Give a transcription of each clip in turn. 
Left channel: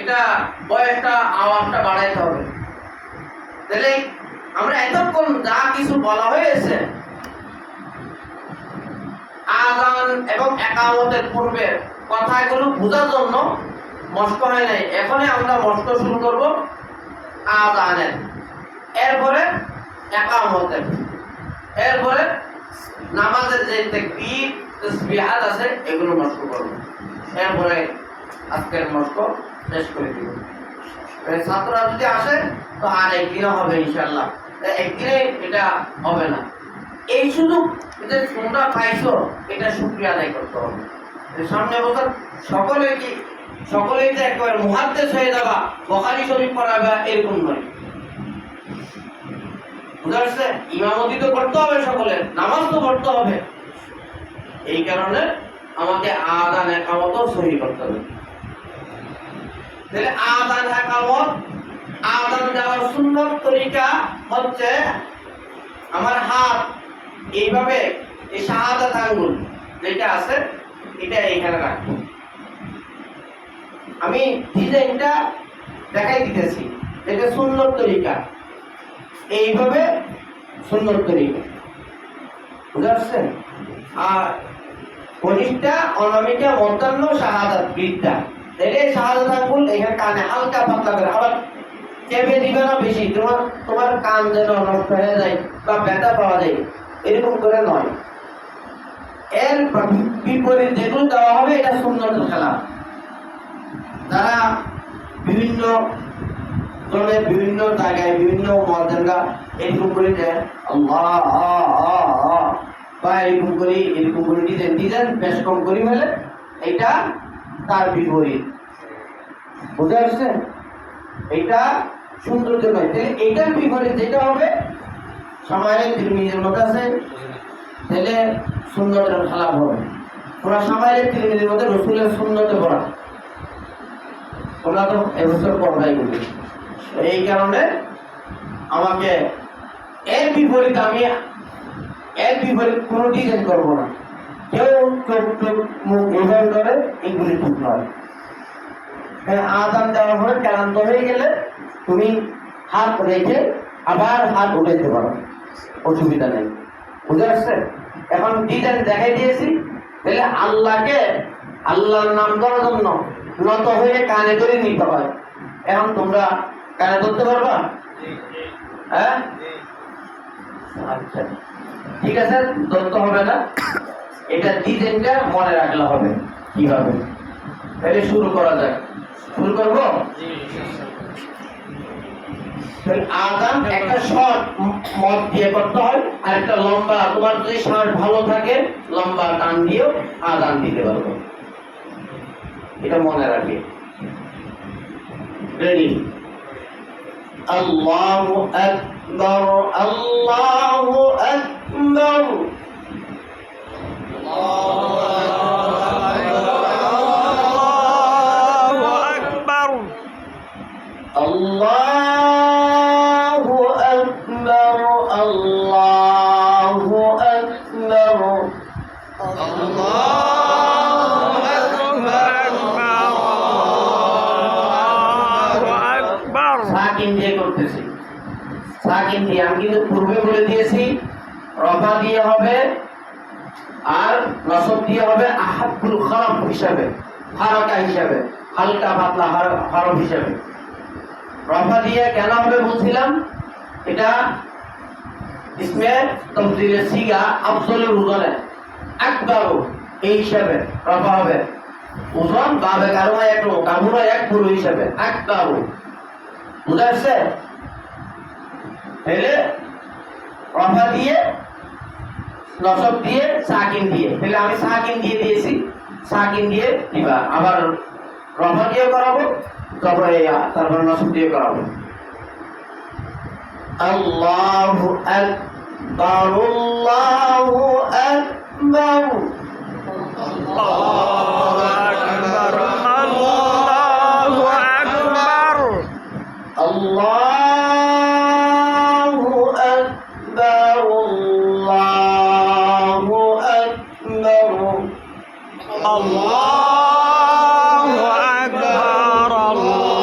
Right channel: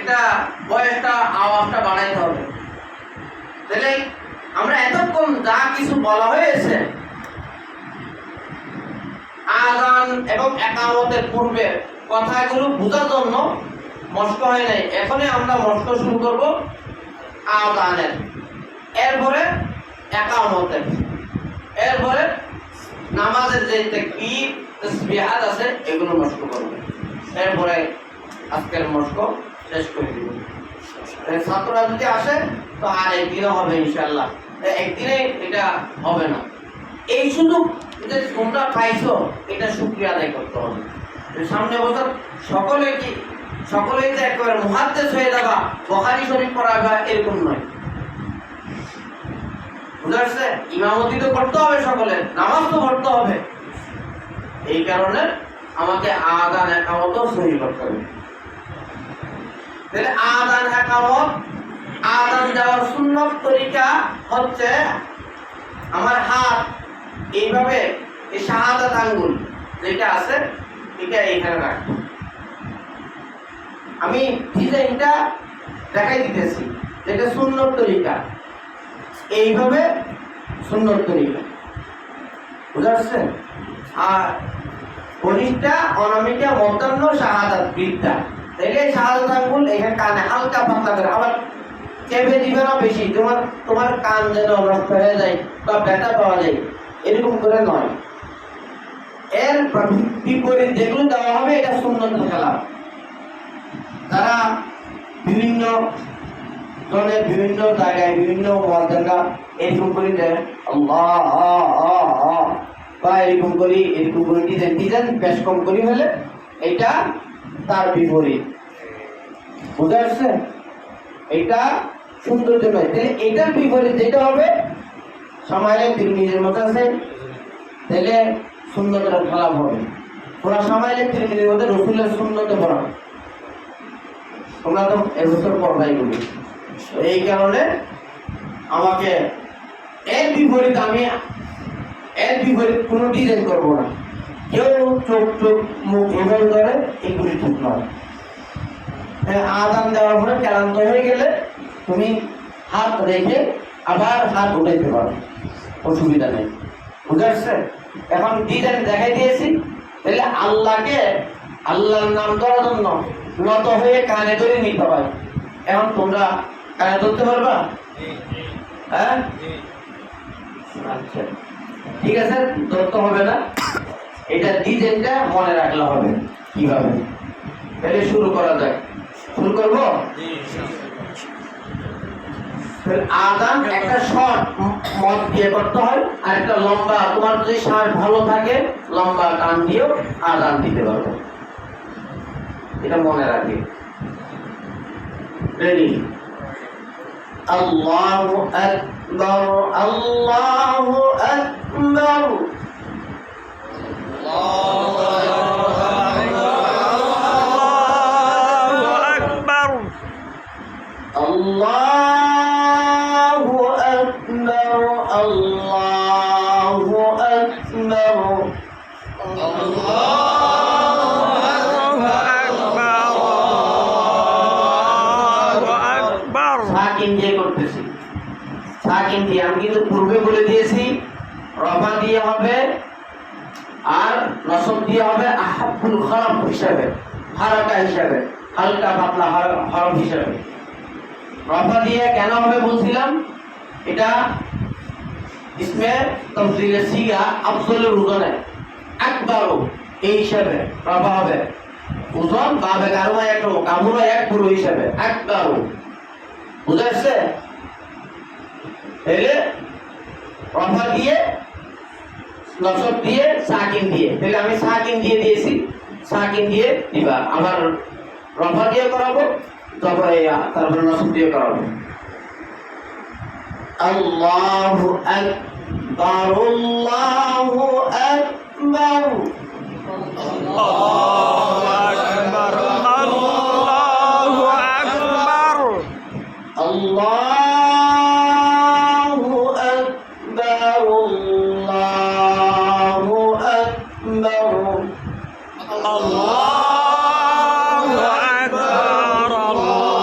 এটা বয়সটা আওয়াজটা বাড়াইতে হবে। তাহলে আমরা এতক্ষণ যা কিছু বলা হয়েছে আযান এবং ইকামতের পূর্বে কথাগুলো বোঝার জন্য মস্ক হয় নাই। এখনই আমরা মস্ক শুরু করব আযানের, এরপরে ইকামতের, এরপরে নামাজের যে তাকবীর তাসবিহাত আছে এগুলো মস্ক করব, এরপরে আজকের মস্ক শেষ করে দিব। ছাত্ররা যদি আসে তো আর একদিনও হবে ইনশাআল্লাহ, একদিনে এটা হবে না। এই সুযোগ যে তোমরা পাইছো এটা শুকরিয়া আদায় করতে হবে। সামনে বছর সকলেই যে একেবারে মুহাদ্দিস হয়ে যাবা, বুখারী শরীফ পড়াবা এরকম নয়, বুঝা যাচ্ছে? ইমামতি তো করতে হবে, সকলের নামাজ তো পড়তে হবে। এই কারণে আমাকে আযান ইকামত সহি করতে হবে। তাহলে আযান ইকামত, আযান দেওয়ার সুন্নত তরিকা হচ্ছে আমার হাত এইভাবে, এই শাহাদাত আঙ্গুল যেটা আছে এটা এইখানে রাখবো। আমি ডিজাইনটা দেখাই দিতেছি, এটা সুন্নত তরিকা, এইভাবে সুন্নত তরিকা, বুঝা যাচ্ছে? আর কনিষ্ঠা, অনামিকা, মধ্যাহ্ন, শাহাদাত, বৃদ্ধা, তাইলে শাহাদাত আঙ্গুল এখানে কানে হালকা পাতলা করে, আবার চেপে দিবে না বেশি, তোমার কান যেন নষ্ট হয়ে যায় বা ব্যথা পাওয়া যায় এরকম করে নয়। এর বিপরীত যেগুলো দেওয়া হবে এটা সুন্নতুল কালাম। যারা বিভিন্ন জনে বিভিন্ন জায়গায় বিভিন্ন মর্যাদা এরকম করে দেয় আল্লাহ বা এরকম করে ডিজাইন বেশ কম করি হলে এটা তার বিপরীত, বুঝতে পারছে? এটা সৌন্দর্য নয়। তাহলে এটার বিপরীত যেটা হবে সামাইলে তিরমিজির মধ্যে আছে, তাহলে সুন্নতের খেলাফ হবে। তোমরা সামাইলে তিরমিজির মধ্যে রসুলের সুন্নতে পড়া, তোমরা তো এবছর পড়াই বলি। এই কারণে আমাকে এর বিপরীত, আমি এর বিপরীত কোনো ডিজাইন করবো না। কেউ চোখ মুখ এভাবে করে এগুলি ঠিক নয়। আযান দেওয়ার পরে ক্লান্ত হয়ে গেলে তুমি হাত রেখে আবার হাত উঠাইতে পারো, অসুবিধা নেই, বুঝা যাচ্ছে? এখন ডিজাইন দেখাই দিয়েছি, তাহলে আল্লাহকে, আল্লাহর নাম ধরার জন্য নত হয়ে কানে ধরে নিতে হয়। এখন তোমরা কানে ধরতে পারবা? হ্যাঁ, আচ্ছা ঠিক আছে, ধরতে হবে না, এটা ডিজাইনটা মনে রাখলে হবে কিভাবে। তাহলে শুরু করা যাক, শুরু করবো। আযান একটা শর্ট মত দিয়ে করতে হয়, আর একটা লম্বা, তোমার যদি শ্বাস ভালো থাকে লম্বা টান দিয়েও আযান দিতে পারবো, এটা মনে রাখবে। রেডি? আল্লাহু আকবার, আল্লাহু আকবার, আল্লাহু আকবার, আল্লাহু আকবার, সাকিন দিয়ে করতেছি, সাকিন দিয়ে। আমি কিন্তু পূর্বে বলে দিয়েছি রফা দিয়ে হবে আর নসব দিয়ে হবে আহাবুল হরফ হিসাবে, হারাকা হিসাবে, হালকা পাতলা হরফ হিসাবে। রফা দিয়ে কেন হবে বলছিলাম, এটা ইসমে তাফজিলের সিগা, আফজলের ওজনে আকবারু এই হিসাবে রফা হবে। ওজন বাবে কারুমা এক রো, কামুরা এক পুরো হিসাবে আকবারু, বুঝা যাচ্ছে? তাহলে রফা দিয়ে, নসব দিয়ে, সাকিন দিয়ে, তাহলে আমি সাকিন দিয়ে দিয়েছি, সাকিন দিয়ে দিবা। আবার রফা দিয়ে করাবো, তারপর নসব দিয়ে করাবো। আল্লাহু আকবার, আল্লাহু আকবার, আল্লাহু আকবার, আল্লাহু আকবার, আল্লাহু আকবার, আল্লাহু আকবার, আল্লাহু আকবার, আল্লাহু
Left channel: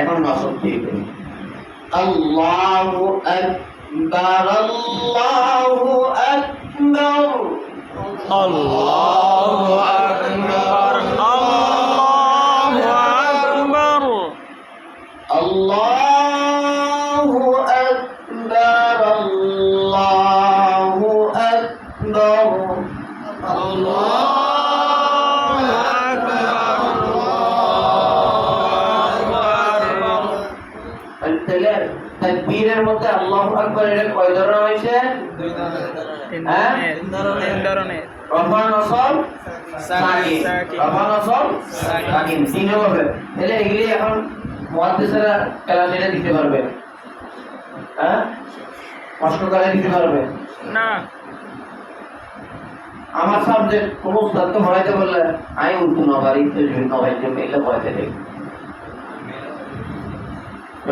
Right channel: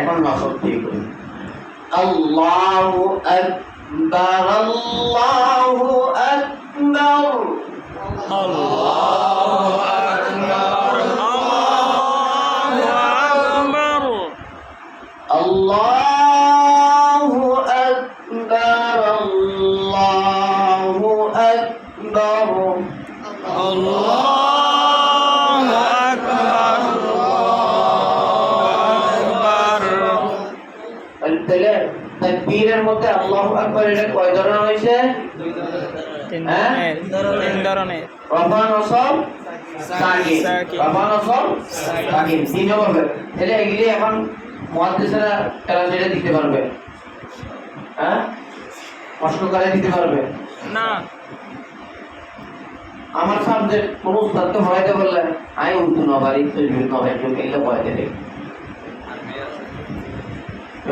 এখন নসব দিয়ে করি আল্লাহু আকবার আল্লাহু আকবার আল্লাহু আকবার আল্লাহু আকবার আল্লাহু আকবার আল্লাহু আকবার তাহলে তাকবীরের মধ্যে আল্লাহু আকবার এটা কয় ধরনের হয়েছে? হ্যাঁ, তিন ধরনের রফা নসব সাকিন, রফা নসব সাকিন তিন হবে। তাহলে এগুলি এখন মুহাদ্দিসেরা ক্লাস এটা দিতে পারবে, হ্যাঁ কষ্ট করে দিতে পারবে না। আমার সাবজেক্ট কোন উস্তাদ তো পড়াইতে বললে আমি উর্দু নবারি তজবিদ নবারি জন্য এগুলো পড়াইতে দেই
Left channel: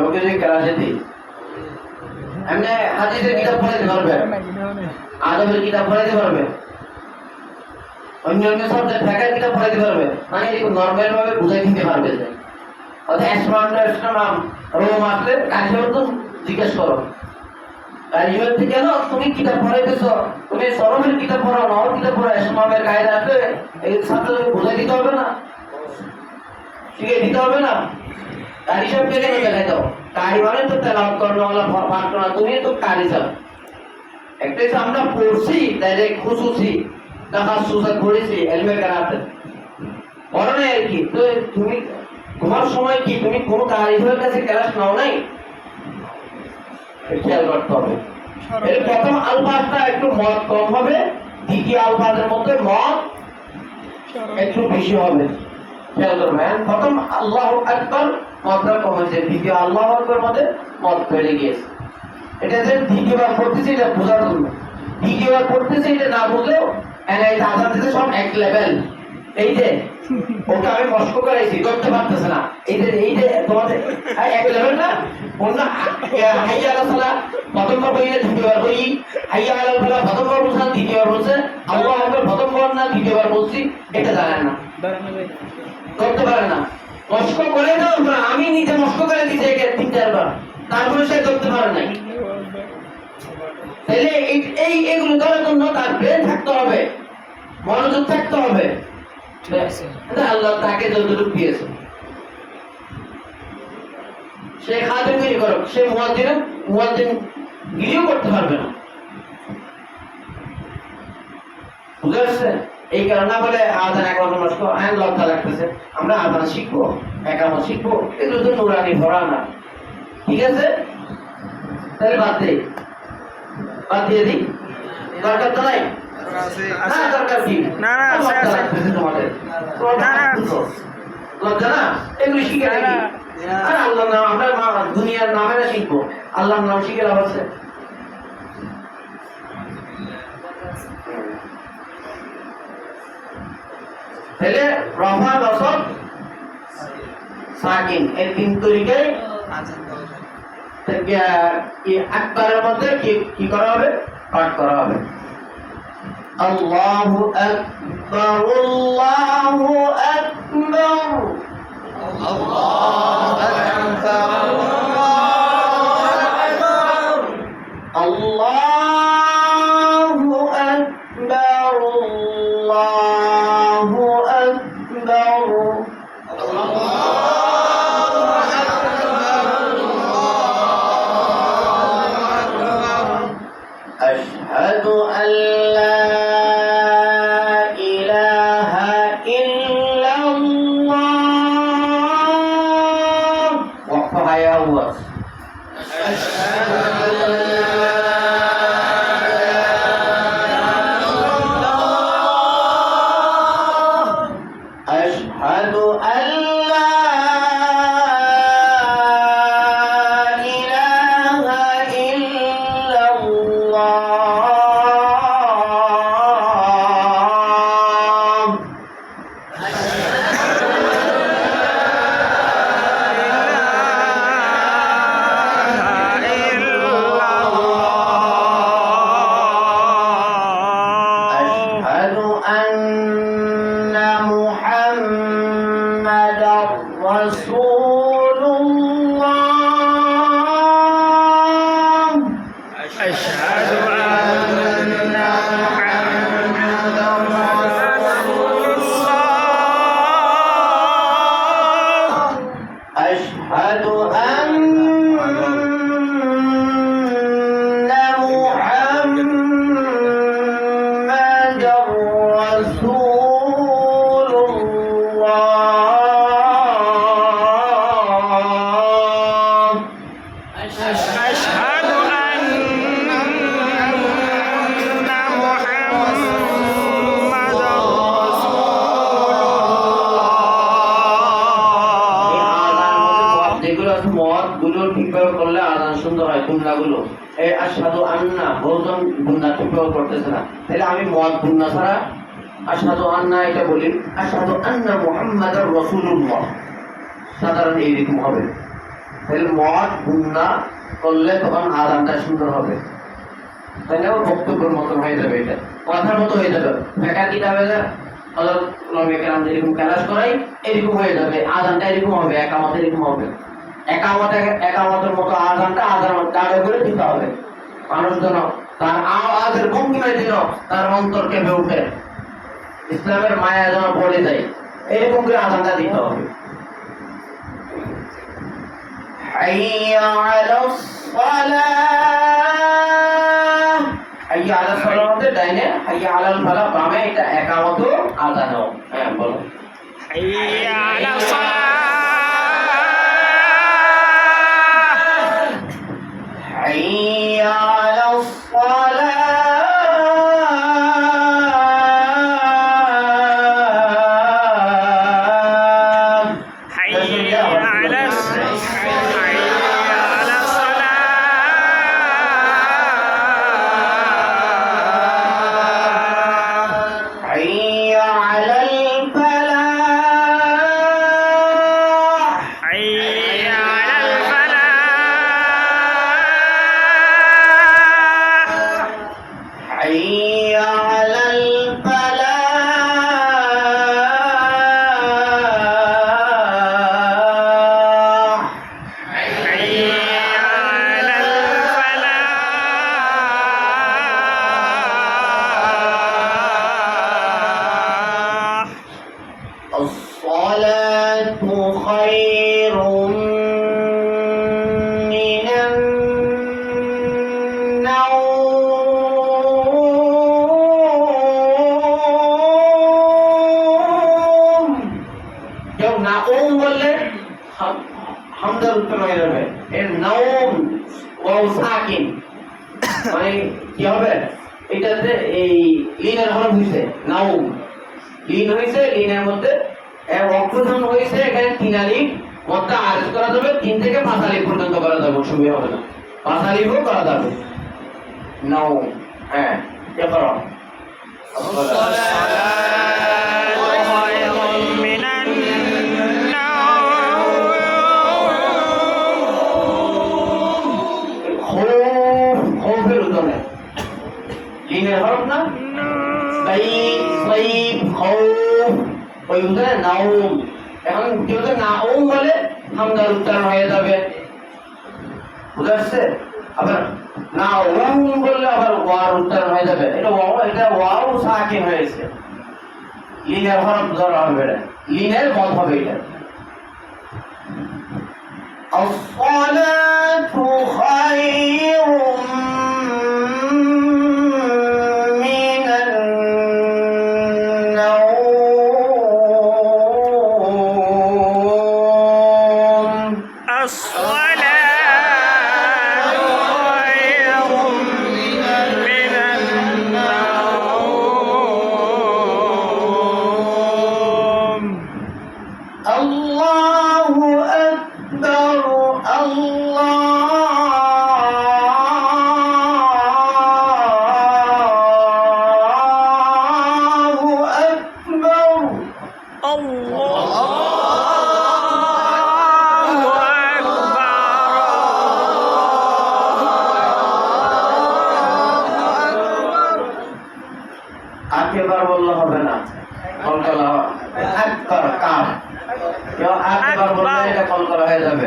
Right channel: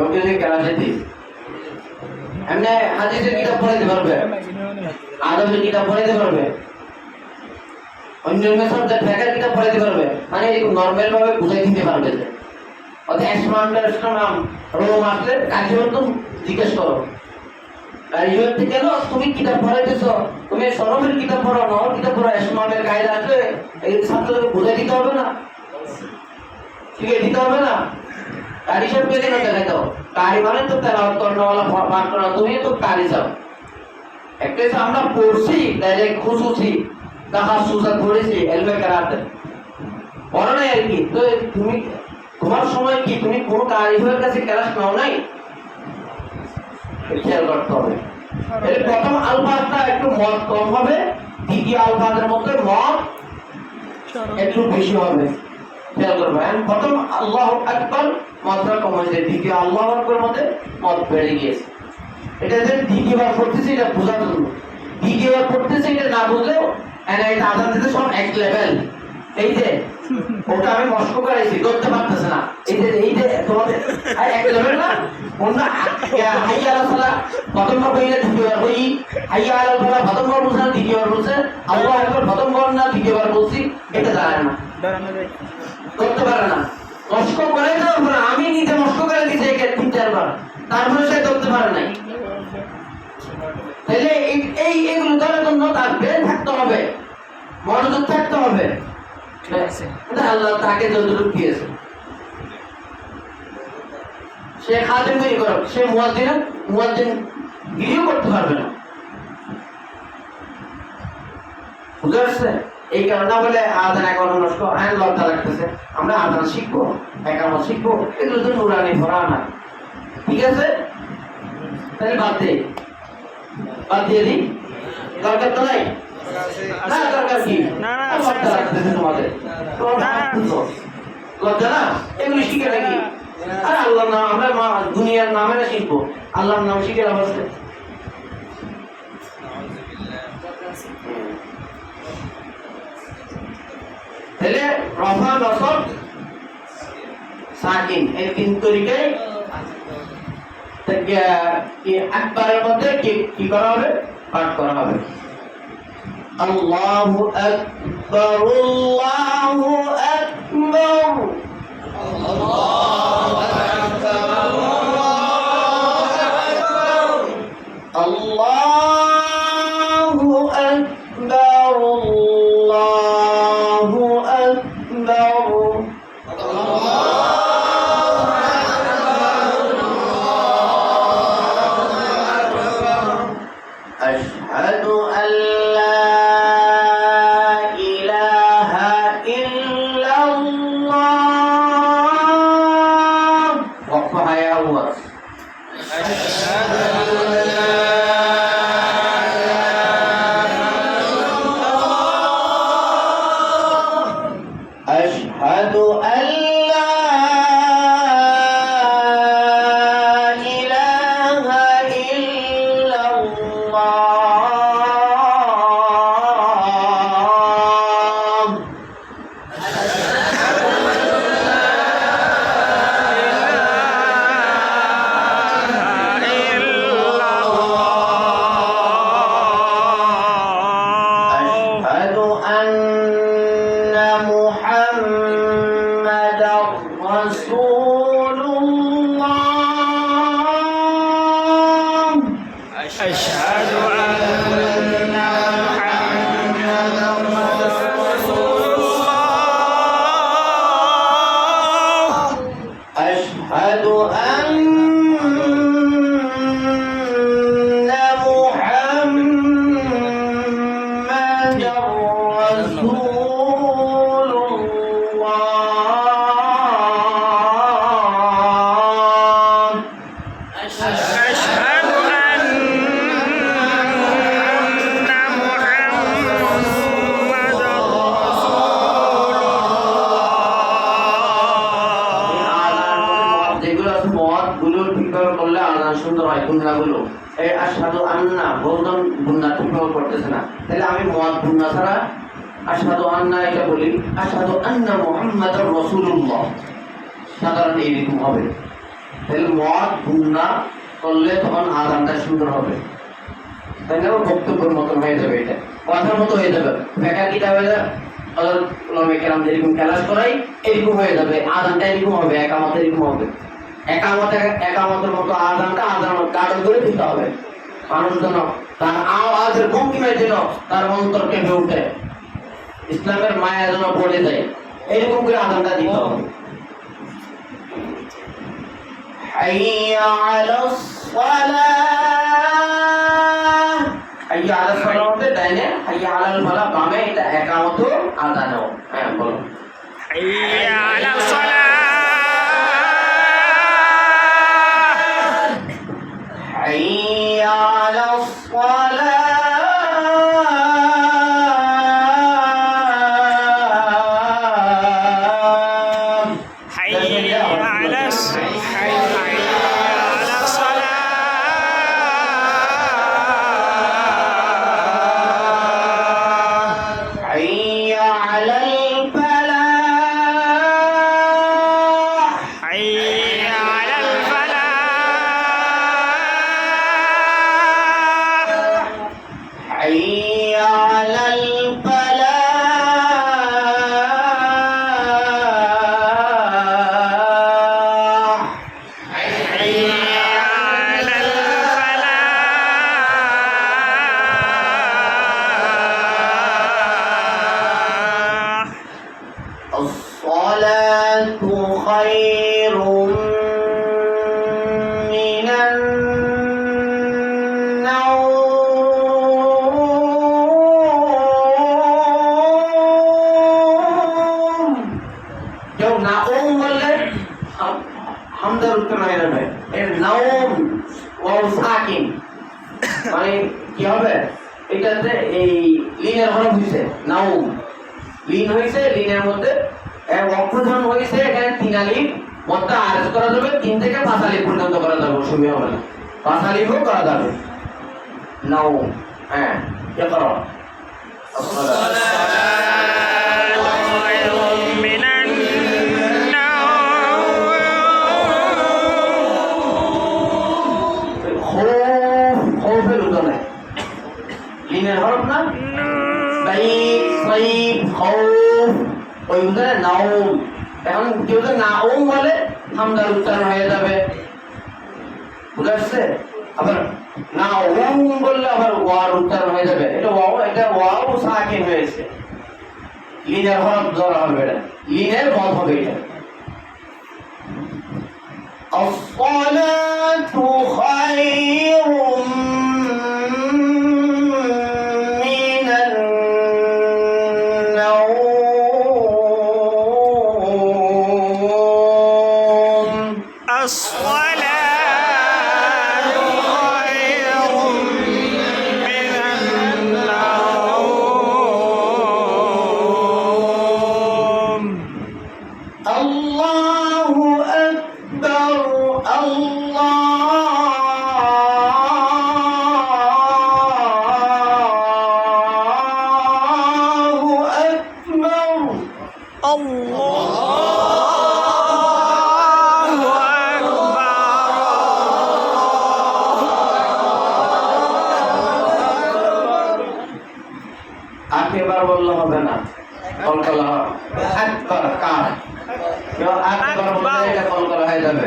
ওকে যে ক্লাসে দিই এমনি হাদিসের কিতাব পড়াইতে পারবে, আদবের কিতাব পড়াইতে পারবে, অন্যান্য সাবজেক্ট ফিকহের কিতাব পড়াইতে পারবে, মানে এরকম নরমাল ভাবে বুঝাই দিতে পারবে। যে অর্থাৎ অ্যাস্ট্রোনমার রোম আসলে কাজীর তো জিজ্ঞেস করো কাজীর থেকে না তুমি কিতাব পড়াইতেছ, তুমি সরমের কিতাব পড়ো, নহর কিতাব পড়ো, অ্যাস্ট্রোনমারের কায়দা আসলে এই ছাত্রদেরকে বুঝাই দিতে হবে না, শিখে দিতে হবে না। কারি সাহেবকে কেন দেখাই দাও? কারি মানে তো তেলাওয়াত করানোওয়ালা পাঠ করা, তুমি তো কারি সাহেব। একটা হচ্ছে আমরা পড়ছি ডাইরেক্ট খুশুসি তাখাসুসা পড়েছি ইলমে কেরাতে পড়ো না আর কি। তো তুমি তোমার সময় কি তুমি কোনো কারিগরের কাছে ক্লাস নাও নাই? খেয়াল করতে হবে। এর প্রথম আলফাজটা একটু মদ কম হবে, দ্বিতীয় আলফাজের মধ্যে মদ একটু বেশি হবে। খেয়াল করবেন, প্রথম আল্লাহু আকবার মদটা কম হয়েছে, দ্বিতীয় আল্লাহু আকবার মধ্যে মদ বেড়ে গিয়েছে। এটা যে দ্বিতীয়বার পড়তেছি এটা বোঝার জন্য, দ্বিতীয়বার পড়তেছি এটা না বুঝলেও এটা আজান দিতে সব এক লেভেল। এই যে ওটা আমি মস্ক করাইছি ধরতে পারতেছে না, এই যে তোমাদের এক লেভেল না, অন্য হাইয়া আলা সালাহ প্রথমবার বইলে দ্বিতীয়বার বই, হাইয়া আলা ফালাহ প্রথমবার বলছেন দ্বিতীয়বার বলছে, আল্লাহু আকবার প্রথমবার না দ্বিতীয়বার বলছি, এটা জানেন না, ধরতে পারে না। মস্ক করে দাও, আমি নিজে মস্ক করে দিয়েছি একে 3-4 বার, তারপরে সে ধরতে পারে নাই। তাহলে এইগুলো ধরার জন্য তার ব্রেন থাকতে হবে, মনোযোগ থাকতে হবে। আল্লাহ তাকে যতটুকু দিয়েছে সে খাদেম তৈরি করো, সে মুয়াজ্জিন গিরিও করতে পারবে না। বুঝতে পারছে? এই কারণে বলে আযান একামত নষ্ট আইন লজ্জা লাগতেছে, আমরা আযান শিখবো, একামত শিখবো, এগুলো তো নুরানি ভরা না। ঠিক আছে, তাহলে বাদ দিয়ে দিই, দরকার তো নাই। দরকার কি? না তোমাদের লজ্জা না, এগুলো শিখে রাখি। আর আল্লাহর নাম আমরা দুনিয়ার নামেরা শিখবো, আল্লাহর নাম শিখে লাভ আছে? তাহলে রফা নসব সাকিন এই তিন তরিকায় আকবারের মধ্যে কি করা হবে? পাঠ করা হবে। আল্লাহু আকবার আল্লাহু আকবার আল্লাহু আকবার আল্লাহু আকবার আল্লাহু আকবার أشهد أن لا إله إلا الله وقفها يا الله أشهد أن لا إله إلا الله أشهد أن محمد সুন্দর হয় গুন্নাগুলো। এই আশহাদু আন্না বহুজন গুন্না টুকরো করতেছে না, তাহলে আমি মদ গুন্না ছাড়া আশহাদু আন্না এটা বলি, আশহাদু আন্না মুহাম্মাদুর রাসূলুল্লাহ, সাধারণ এইরকম হবে। তাহলে মদ গুন্না করলে তখন আযানটা সুন্দর হবে, তাহলে বক্তব্যের মতন হয়ে যাবে, এটা কথার মতো হয়ে যাবে, ব্যাখ্যাটা হয়ে যাবে। হযরত উলামায়ে কেরাম যেরকম ক্লাস করাই এরকম হয়ে যাবে, আযানটা এরকম হবে, একামত এরকম হবে। একামতের মতো আযানটা আযান গাঢ় করে দিতে হবে, মানুষ যেন তার আওয়াজের ভঙ্গিমায় যেন তার অন্তর কেঁপে উঠে, ইসলামের মায়া যেন পড়ে যায়, এরকম করে আযানটা দিতে হবে। হাইয়া আলাস সালাহ, হাইয়া আলাস সালাহ বলতে ডাইনে, হাইয়া আলাল ফালাহ বামে, এটা একামত আযানও। হ্যাঁ বলো, হাইয়া আলাস সালাহ, হাইয়া আলাস সালাহ, হাইয়া আলাস সালাহ, হাইয়া আলাল ফালাহ, হাইয়া আলাল ফালাহ, হাইয়া আলাল ফালাহ, হাইয়া আলাল ফালাহ। الصلاة خير من النوم। কেউ নাউম বললে হামদার উত্তর হয়ে যাবে, এর নাউম ওয়াও সাকিন, মানে কি হবে, এটাতে এই লিনের হরফ হইছে নাউম, লিন হইছে, লিনের মধ্যে অক্ষরধান হইছে, এখানে 3 আলিফ মধ্যে আরজ করা যাবে, 3 থেকে 5 আলিফ পর্যন্ত করা যাবে, অসুবিধা হবে না, 5 আলিফও করা যাবে। নাউম, হ্যাঁ কি করো, খৌফের উদাহরণ, লিনের হরফ না, সাইফ সাইফ খৌফ, ওই উদাহরণে নাউম। এখন কেউ যদি নাউম বলে হামদার উচ্চারণ হয়ে যাবে, বুঝা যাচ্ছে? আবার নাউম বললে আবার ওয়ার উচ্চারণ হয়ে যাবে, এটা ওয়াও সাকিন হয়েছে, লিনের হরফ জড় হবে, এটা লিনের মত হবে, এটা الصلاة خير من النوم. الصلاة خير من النوم. الله أكبر، الله أكبر. الله আকেবার বললে হবে না, কলকলা আকবার কাফ, আকবার বললে এটা কলকলা হয়ে যাবে,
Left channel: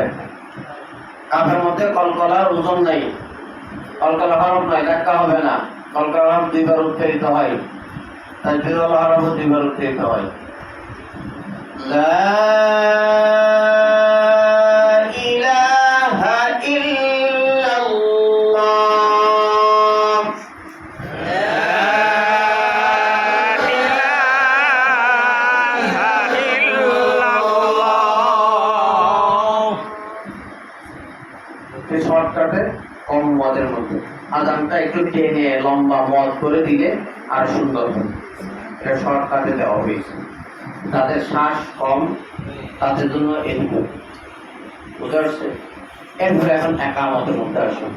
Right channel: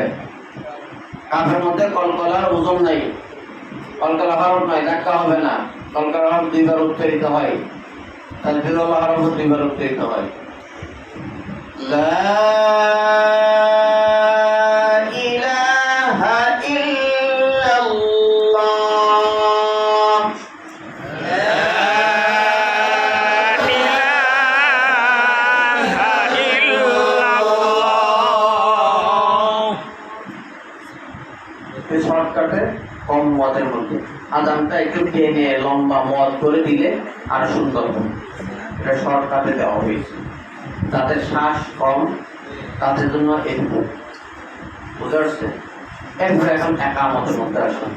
কাফের মধ্যে কলকলার ওজন নাই, কলকলা হরফ নয়, ধাক্কা হবে না, কলকলা হরফ 2 বার উচ্চারিত হয়, তাকবীরুল হরফ 2 বার উচ্চারিত হয়। লা ইলাহা ইল্লাল্লাহ, শর্টকাটে কম মদের মধ্যে আযানটা একটু টেনে লম্বা মদ করে দিলে আর সুন্দর হবে, এটা শর্টকাটে দেওয়া হয়েছে, তাদের শ্বাস কম, তাদের জন্য এরকম, বুঝা যাচ্ছে? এরপরে এখন একা আমাদের মধ্যে আসুন।